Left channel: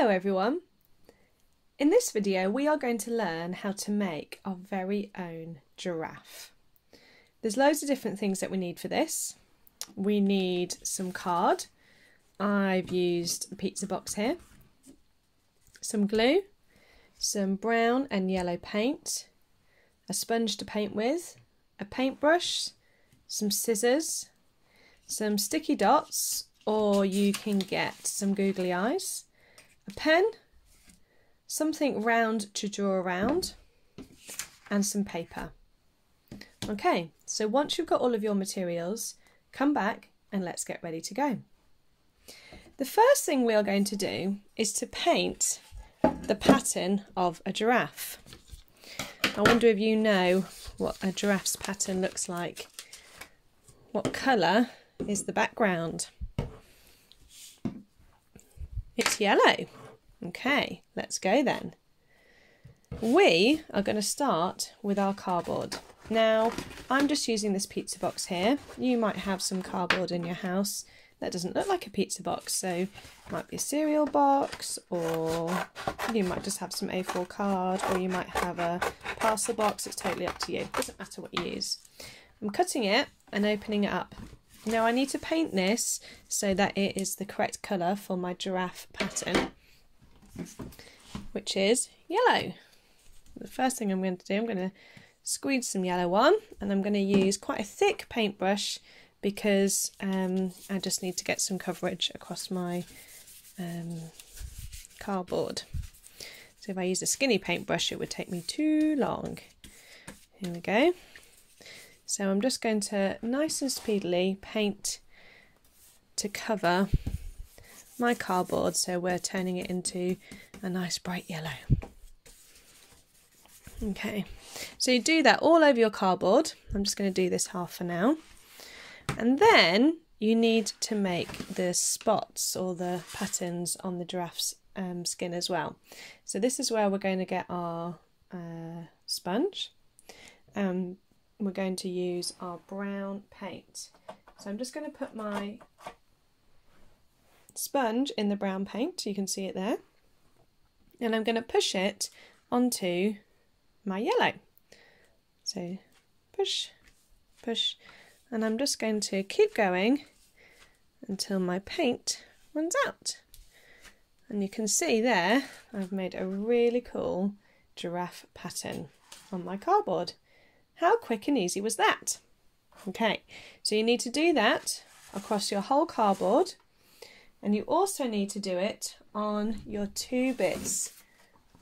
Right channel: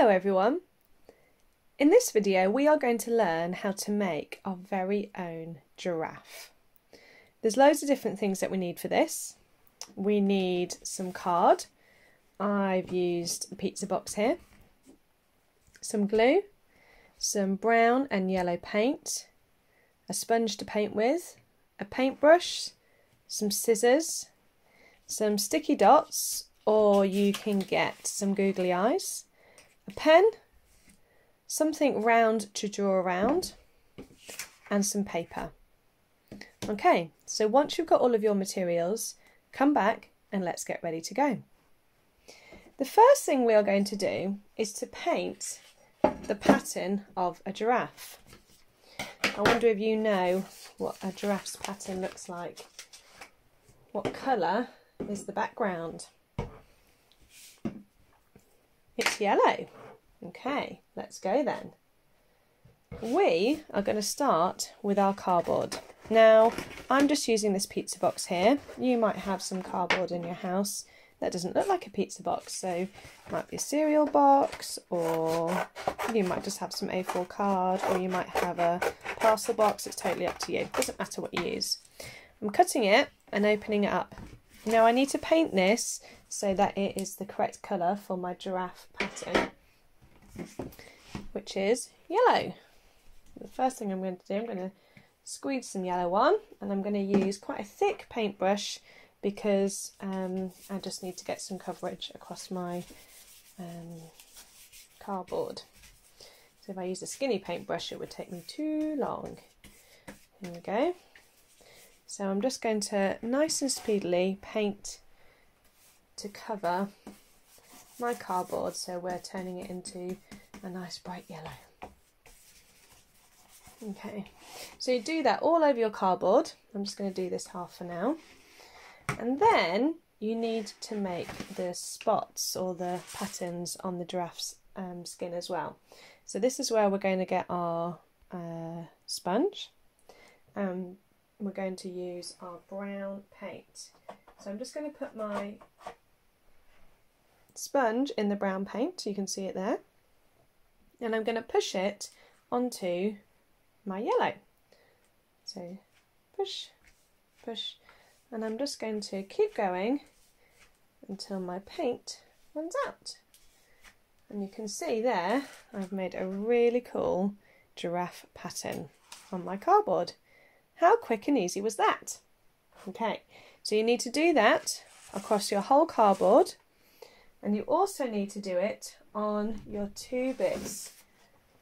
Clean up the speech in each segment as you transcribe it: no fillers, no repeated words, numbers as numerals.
Hello everyone! In this video we are going to learn how to make our very own giraffe. There's loads of different things that we need for this. We need some card. I've used a pizza box here. Some glue, some brown and yellow paint, a sponge to paint with, a paintbrush, some scissors, some sticky dots, or you can get some googly eyes, a pen, something round to draw around, and some paper. Okay, so once you've got all of your materials, come back and let's get ready to go. The first thing we are going to do is to paint the pattern of a giraffe. I wonder if you know what a giraffe's pattern looks like. What colour is the background? It's yellow. Okay, let's go then. We are going to start with our cardboard. Now, I'm just using this pizza box here. You might have some cardboard in your house that doesn't look like a pizza box, so it might be a cereal box, or you might just have some A4 card, or you might have a parcel box. It's totally up to you. It doesn't matter what you use. I'm cutting it and opening it up. Now I need to paint this so that it is the correct colour for my giraffe pattern, which is yellow. The first thing I'm going to do, I'm going to squeeze some yellow on, and I'm going to use quite a thick paintbrush because I just need to get some coverage across my cardboard. So if I use a skinny paintbrush it would take me too long. Here we go. So I'm just going to nice and speedily paint to cover my cardboard, so we're turning it into a nice bright yellow. Okay, so you do that all over your cardboard. I'm just going to do this half for now. And then you need to make the spots or the patterns on the giraffe's skin as well. So this is where we're going to get our sponge. We're going to use our brown paint. So I'm just going to put my sponge in the brown paint, you can see it there, and I'm going to push it onto my yellow. So push, push, and I'm just going to keep going until my paint runs out. And you can see there I've made a really cool giraffe pattern on my cardboard. How quick and easy was that? Okay, so you need to do that across your whole cardboard, and you also need to do it on your 2 bits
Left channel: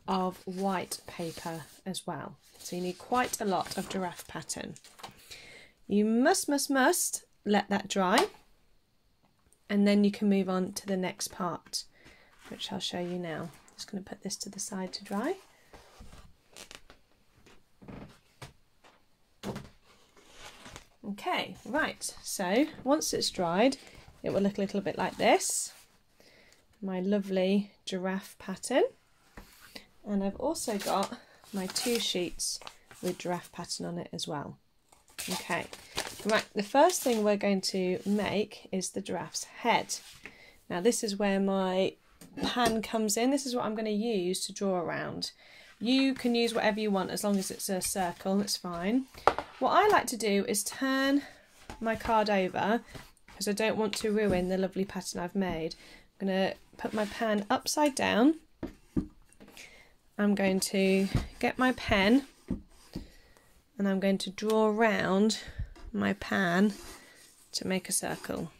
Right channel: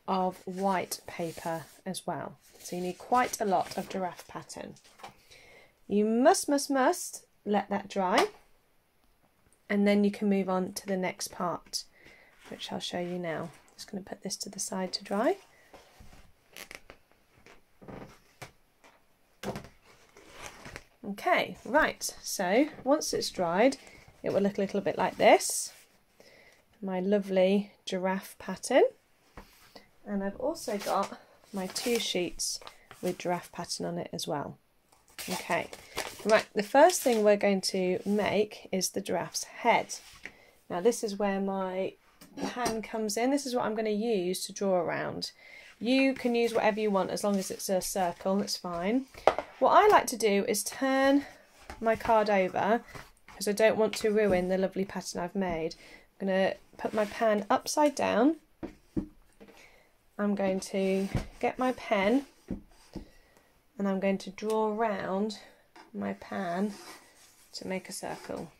of white paper as well. So you need quite a lot of giraffe pattern. You must let that dry, and then you can move on to the next part, which I'll show you now. Just going to put this to the side to dry. Okay, right, so once it's dried, it will look a little bit like this. My lovely giraffe pattern. And I've also got my 2 sheets with giraffe pattern on it as well. Okay, right, the first thing we're going to make is the giraffe's head. Now this is where my pan comes in. This is what I'm going to use to draw around. You can use whatever you want as long as it's a circle, that's fine. What I like to do is turn my card over because I don't want to ruin the lovely pattern I've made. I'm going to put my pan upside down. I'm going to get my pen and I'm going to draw around my pan to make a circle.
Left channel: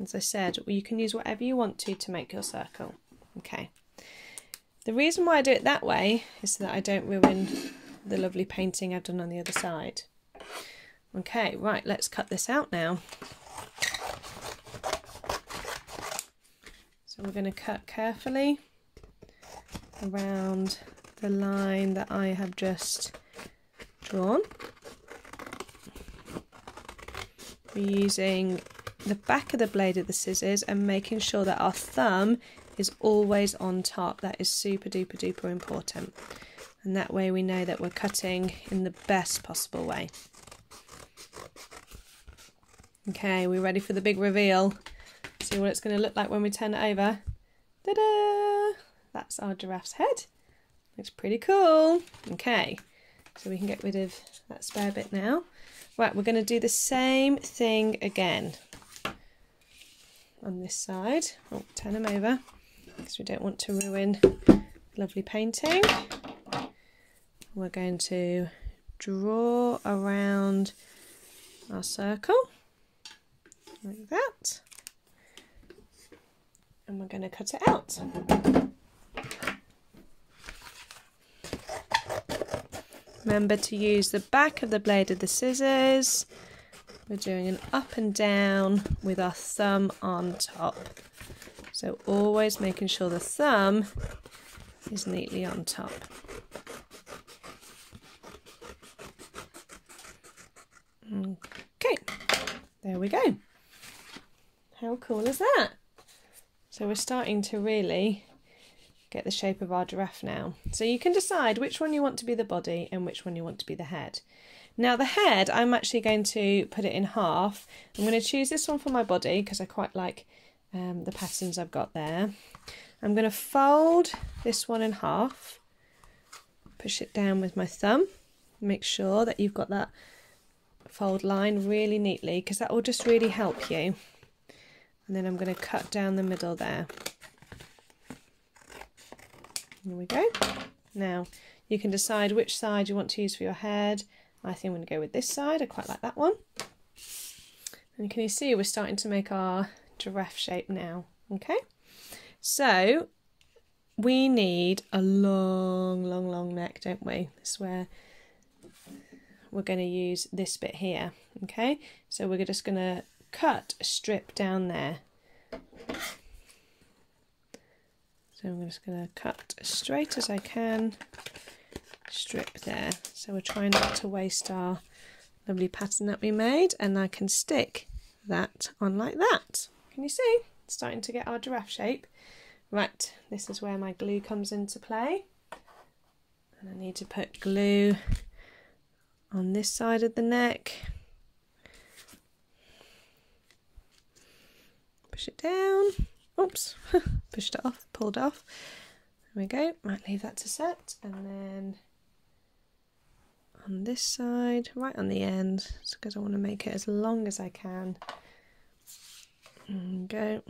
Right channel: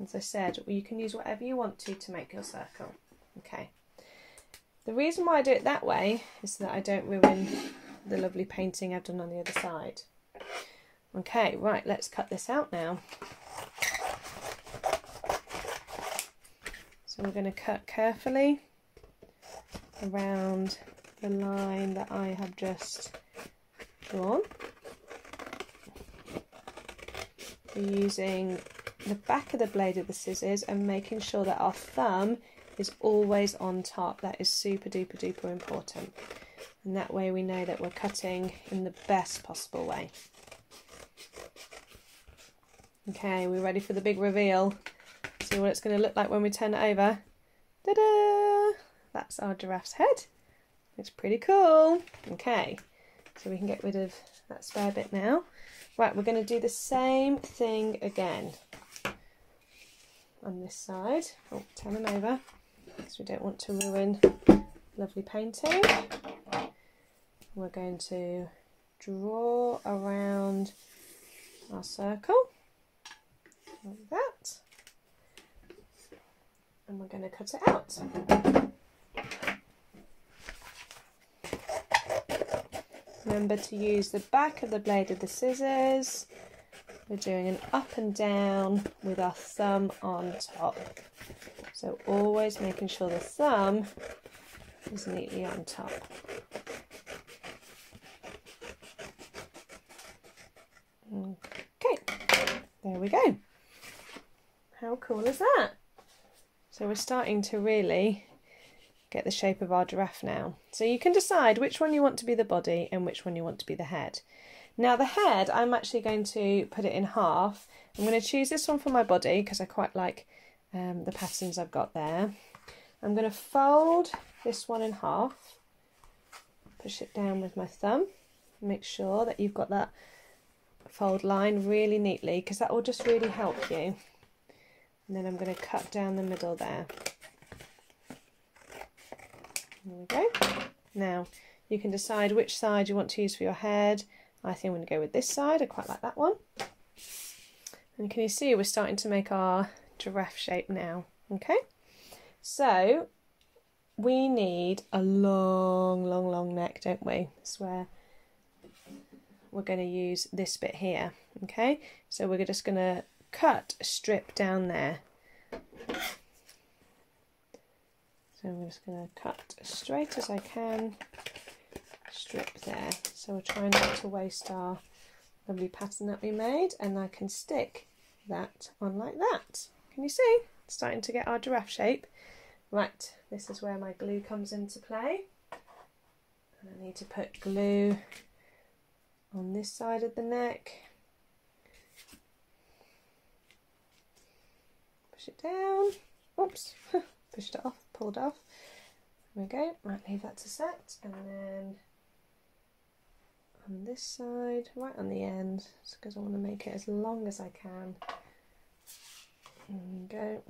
As I said, you can use whatever you want to make your circle. Okay. The reason why I do it that way is so that I don't ruin the lovely painting I've done on the other side. Okay, right, let's cut this out now. So we're going to cut carefully around the line that I have just drawn. We're using the back of the blade of the scissors and making sure that our thumb is always on top. That is super duper duper important, and that way we know that we're cutting in the best possible way. Okay, we're ready for the big reveal. See what it's going to look like when we turn it over. Ta-da! that's our giraffe's head. Looks pretty cool. Okay, so we can get rid of that spare bit now. Right, we're going to do the same thing again on this side. Oh, turn them over because we don't want to ruin lovely painting. We're going to draw around our circle like that, and we're going to cut it out. Remember to use the back of the blade of the scissors. We're doing an up and down with our thumb on top. So always making sure the thumb is neatly on top. Okay, there we go. How cool is that? So we're starting to really get the shape of our giraffe now. So you can decide which one you want to be the body and which one you want to be the head. Now the head, I'm actually going to put it in half. I'm going to choose this one for my body because I quite like the patterns I've got there. I'm going to fold this one in half, push it down with my thumb, make sure that you've got that fold line really neatly because that will just really help you. And then I'm going to cut down the middle there. There we go. Now you can decide which side you want to use for your head. I think I'm going to go with this side. I quite like that one. And can you see we're starting to make our giraffe shape now? Okay. So we need a long neck, don't we? That's where we're going to use this bit here. Okay. So we're just going to cut a strip down there. So I'm just going to cut as straight as I can, strip there. So we're trying not to waste our lovely pattern that we made, and I can stick that on like that. Can you see? It's starting to get our giraffe shape. Right, this is where my glue comes into play. And I need to put glue on this side of the neck. Push it down. Oops, pushed it off, pulled off. There we go, might leave that to set. And then on this side, right on the end, because I want to make it as long as I can. There we go.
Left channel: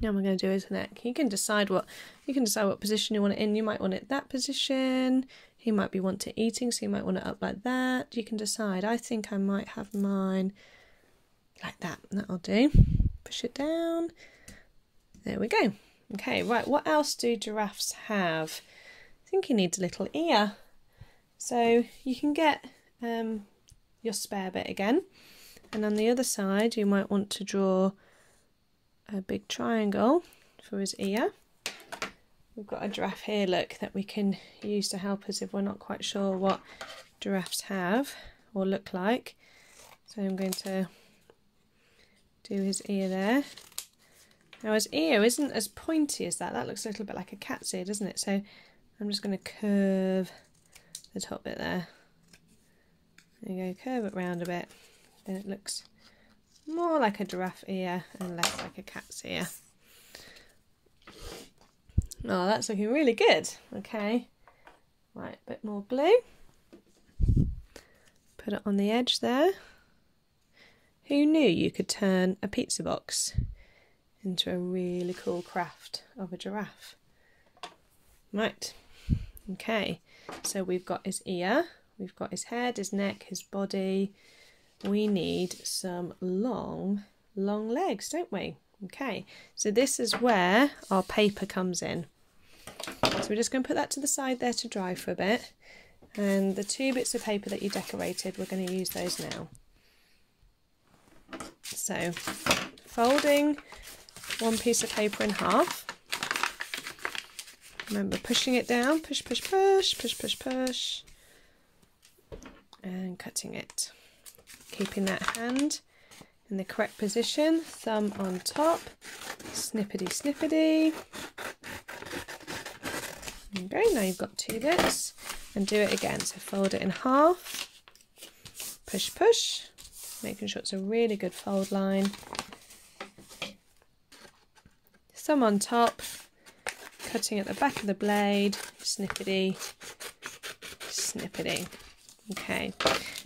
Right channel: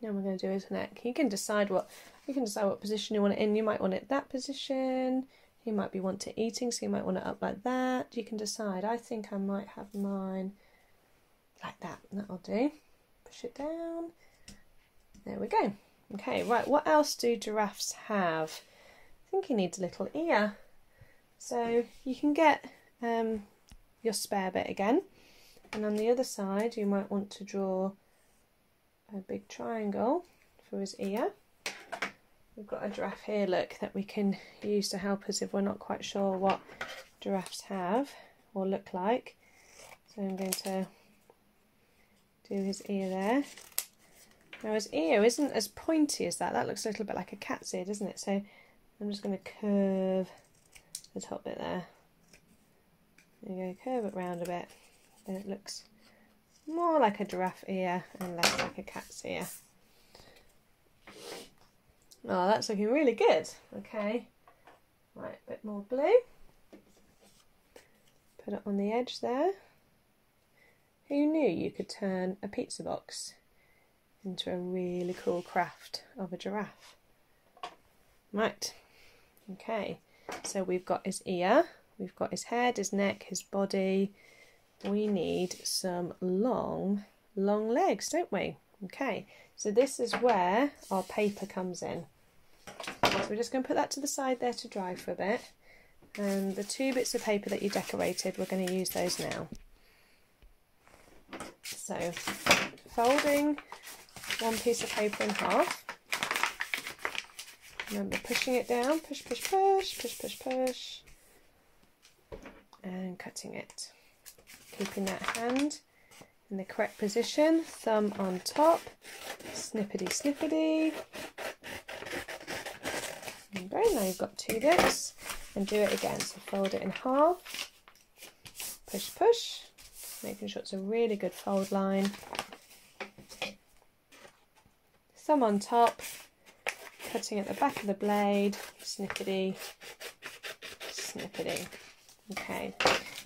Now what I'm going to do is neck. You can decide what position you want it in. You might want it that position. You might be want to eating, so you might want it up like that. You can decide. I think I might have mine like that. That'll do. Push it down. There we go. Okay, right, what else do giraffes have? I think he needs a little ear. So you can get your spare bit again, and on the other side you might want to draw a big triangle for his ear. We've got a giraffe here, look, that we can use to help us if we're not quite sure what giraffes have or look like. So I'm going to do his ear there. Now his ear isn't as pointy as that. That looks a little bit like a cat's ear, doesn't it? So I'm just going to curve the top bit there. There you go, curve it round a bit. Then it looks more like a giraffe ear and less like a cat's ear. Oh, that's looking really good. Okay, right, a bit more glue. Put it on the edge there. Who knew you could turn a pizza box into a really cool craft of a giraffe? Right, okay, so we've got his ear, we've got his head, his neck, his body. We need some long legs, don't we? Okay, so this is where our paper comes in. So we're just going to put that to the side there to dry for a bit. And the 2 bits of paper that you decorated, we're going to use those now. So, folding one piece of paper in half. Remember pushing it down, push, push, push, push, push, push. And cutting it. Keeping that hand in the correct position, thumb on top, snippety, snippety. Okay, now you've got 2 bits, and do it again. So fold it in half, push, push, making sure it's a really good fold line. Thumb on top, cutting at the back of the blade, snippety, snippety. Okay,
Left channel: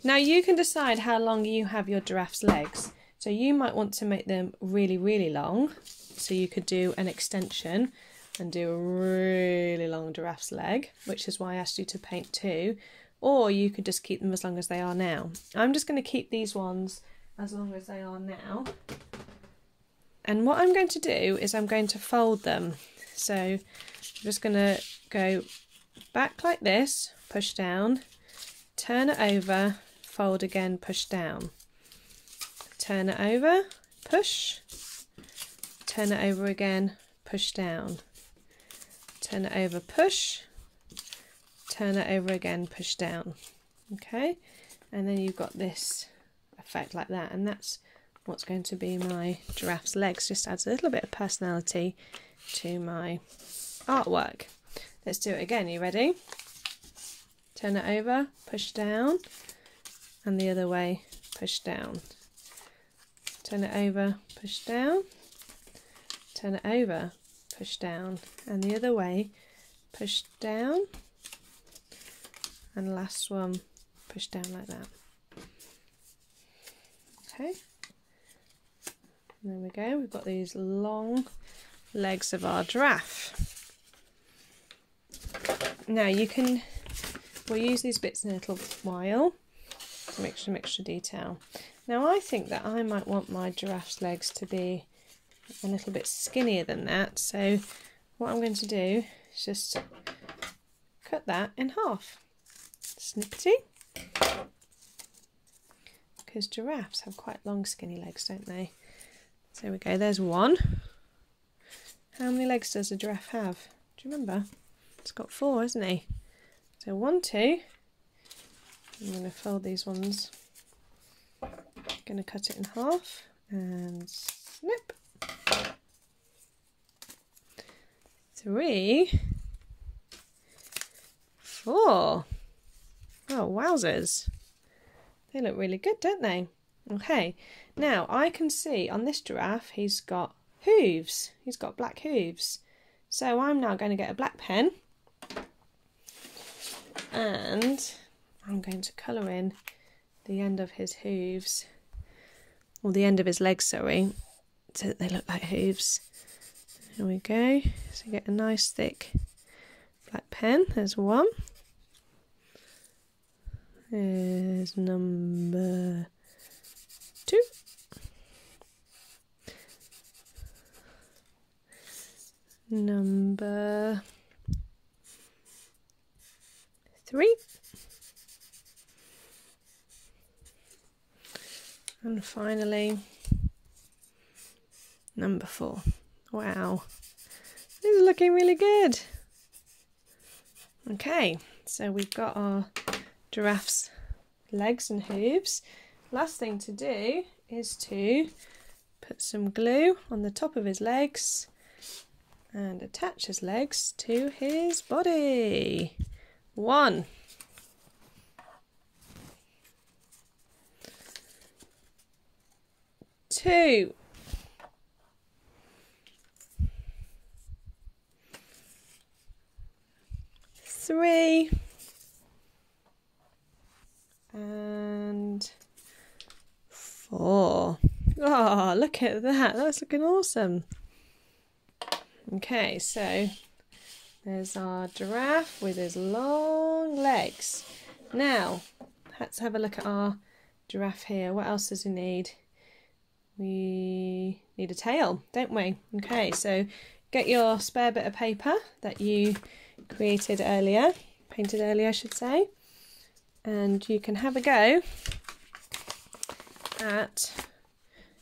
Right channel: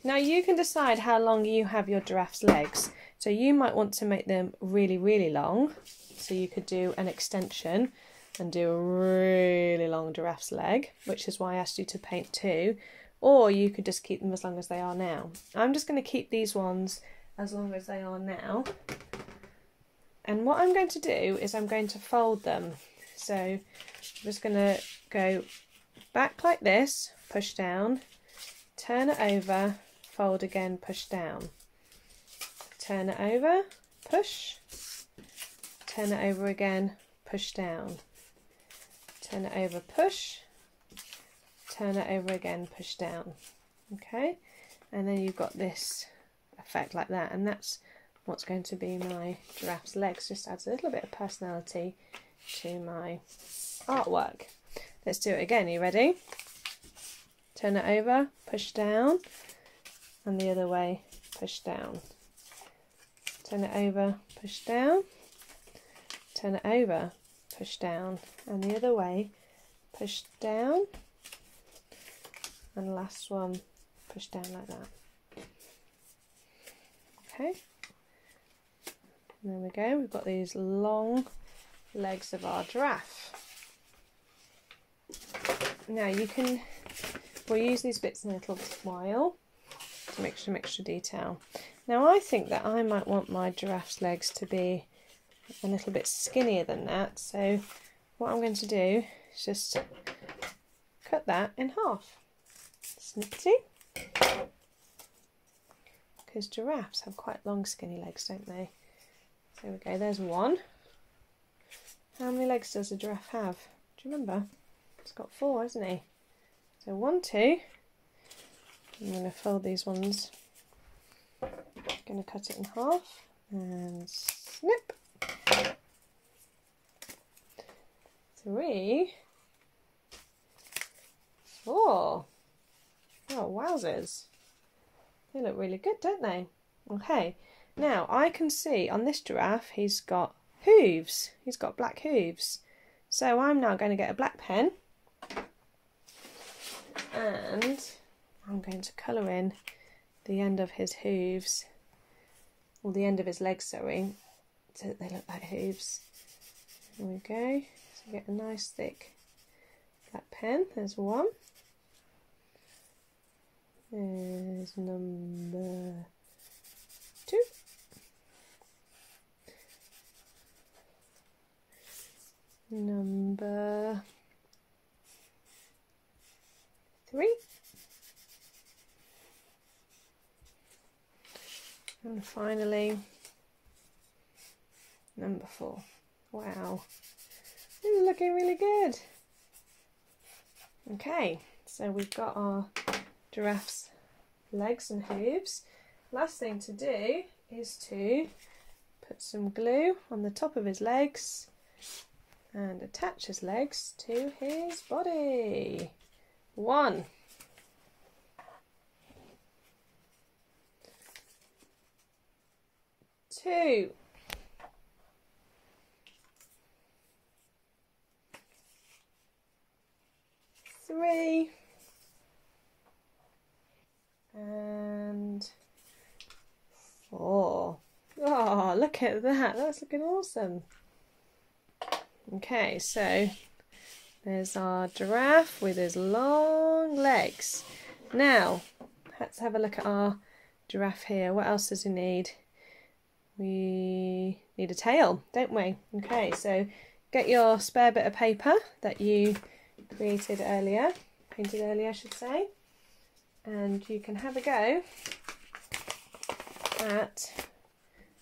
now you can decide how long you have your giraffe's legs. So you might want to make them really, really long. So you could do an extension and do a really long giraffe's leg, which is why I asked you to paint 2. Or you could just keep them as long as they are now. I'm just going to keep these ones as long as they are now. And what I'm going to do is I'm going to fold them. So I'm just going to go back like this, push down, turn it over, fold again, push down. Turn it over, push, turn it over again, push down. Turn it over, push, turn it over again, push down. Okay, and then you've got this effect like that, and that's what's going to be my giraffe's legs. Just adds a little bit of personality to my artwork. Let's do it again. Are you ready? Turn it over, push down, and the other way, push down. Turn it over, push down, turn it over, push down, and the other way, push down, and last one, push down like that. Okay, there we go, we've got these long legs of our giraffe. Now we'll use these bits in a little while to make some extra detail. Now I think that I might want my giraffe's legs to be a little bit skinnier than that, so what I'm going to do is just cut that in half. Snippety. Because giraffes have quite long skinny legs, don't they? So there we go, there's one. How many legs does a giraffe have? Do you remember? It's got 4, isn't he? So 1, 2. I'm going to fold these ones. Going to cut it in half and snip. 3, 4. Oh, wowzers. They look really good, don't they? Okay, now I can see on this giraffe he's got hooves. He's got black hooves. So I'm now going to get a black pen and I'm going to colour in the end of his hooves, or the end of his legs, sorry, so that they look like hooves. There we go. So you get a nice thick black pen. There's one. There's number 2. Number 3. And finally, number 4. Wow, this is looking really good. Okay, so we've got our giraffe's legs and hooves. Last thing to do is to put some glue on the top of his legs and attach his legs to his body. 1, 2, 3, and 4. Oh, look at that. That's looking awesome. Okay, so there's our giraffe with his long legs. Now, let's have a look at our giraffe here. What else does he need? We need a tail, don't we? Okay, so get your spare bit of paper that you created earlier, painted earlier I should say, and you can have a go at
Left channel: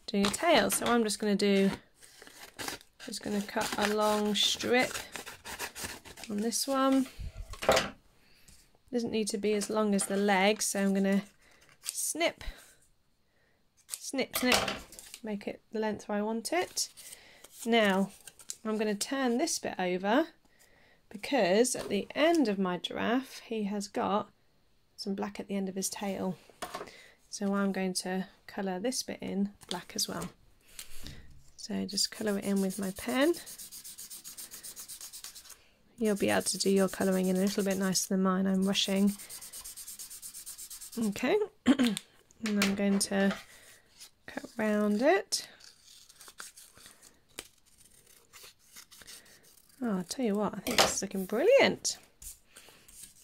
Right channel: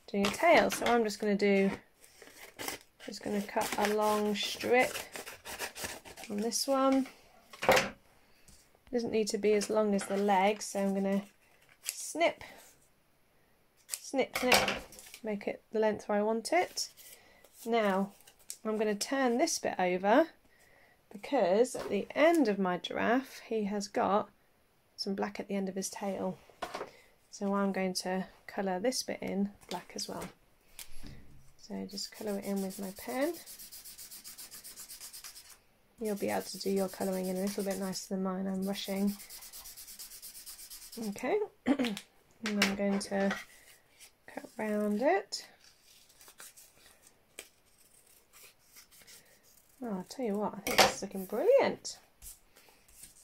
doing a tail. So I'm just going to cut a long strip on this one. Doesn't need to be as long as the leg, so I'm going to snip, snip, snip, make it the length where I want it. Now I'm going to turn this bit over because at the end of my giraffe he has got some black at the end of his tail. So I'm going to colour this bit in black as well. So just colour it in with my pen. you'll be able to do your colouring in a little bit nicer than mine. I'm rushing. Okay, and I'm going to cut round it. Oh, I'll tell you what, I think this is looking brilliant.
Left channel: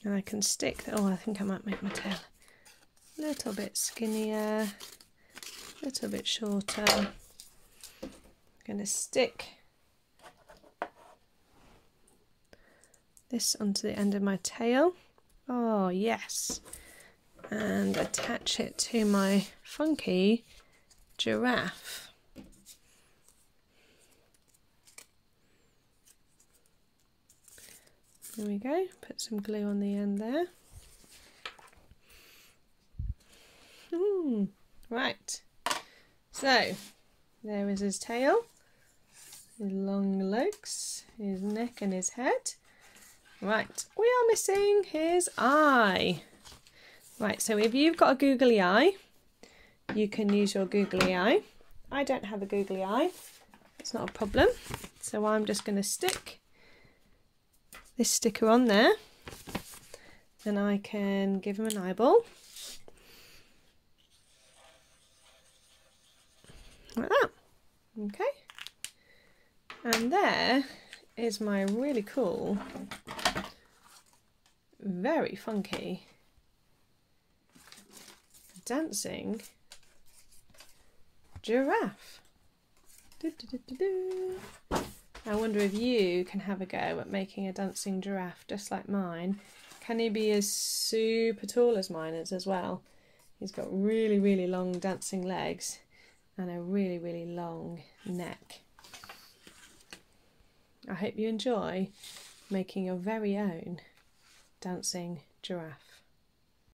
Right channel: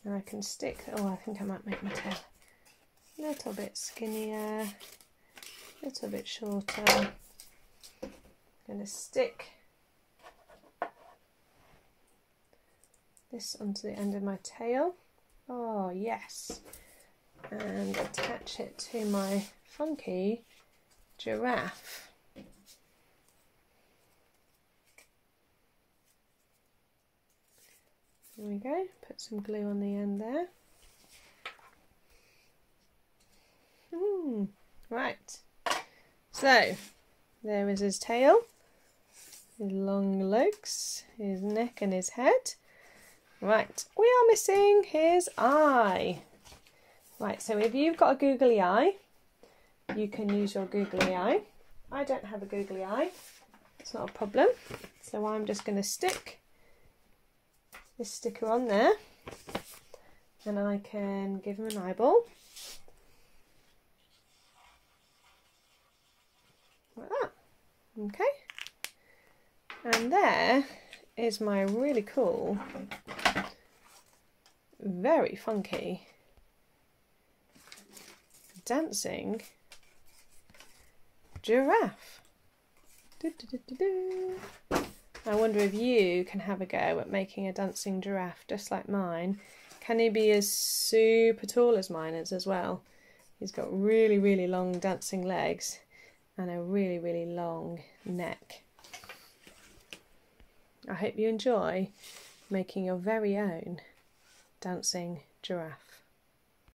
And I can stick, oh, I think I might make my tail a little bit skinnier, a little bit shorter. I'm going to stick this onto the end of my tail. Oh, yes. And attach it to my funky giraffe. There we go, put some glue on the end there. Right, so there is his tail, his long legs, his neck and his head. Right, we are missing his eye. Right, so if you've got a googly eye, you can use your googly eye. I don't have a googly eye, it's not a problem. So I'm just going to stick this sticker on there and I can give him an eyeball. Like that. Okay. And there is my really cool, very funky dancing giraffe. I wonder if you can have a go at making a dancing giraffe just like mine. Can he be as super tall as mine is as well? He's got really, really long dancing legs and a really, really long neck. I hope you enjoy making your very own dancing giraffe.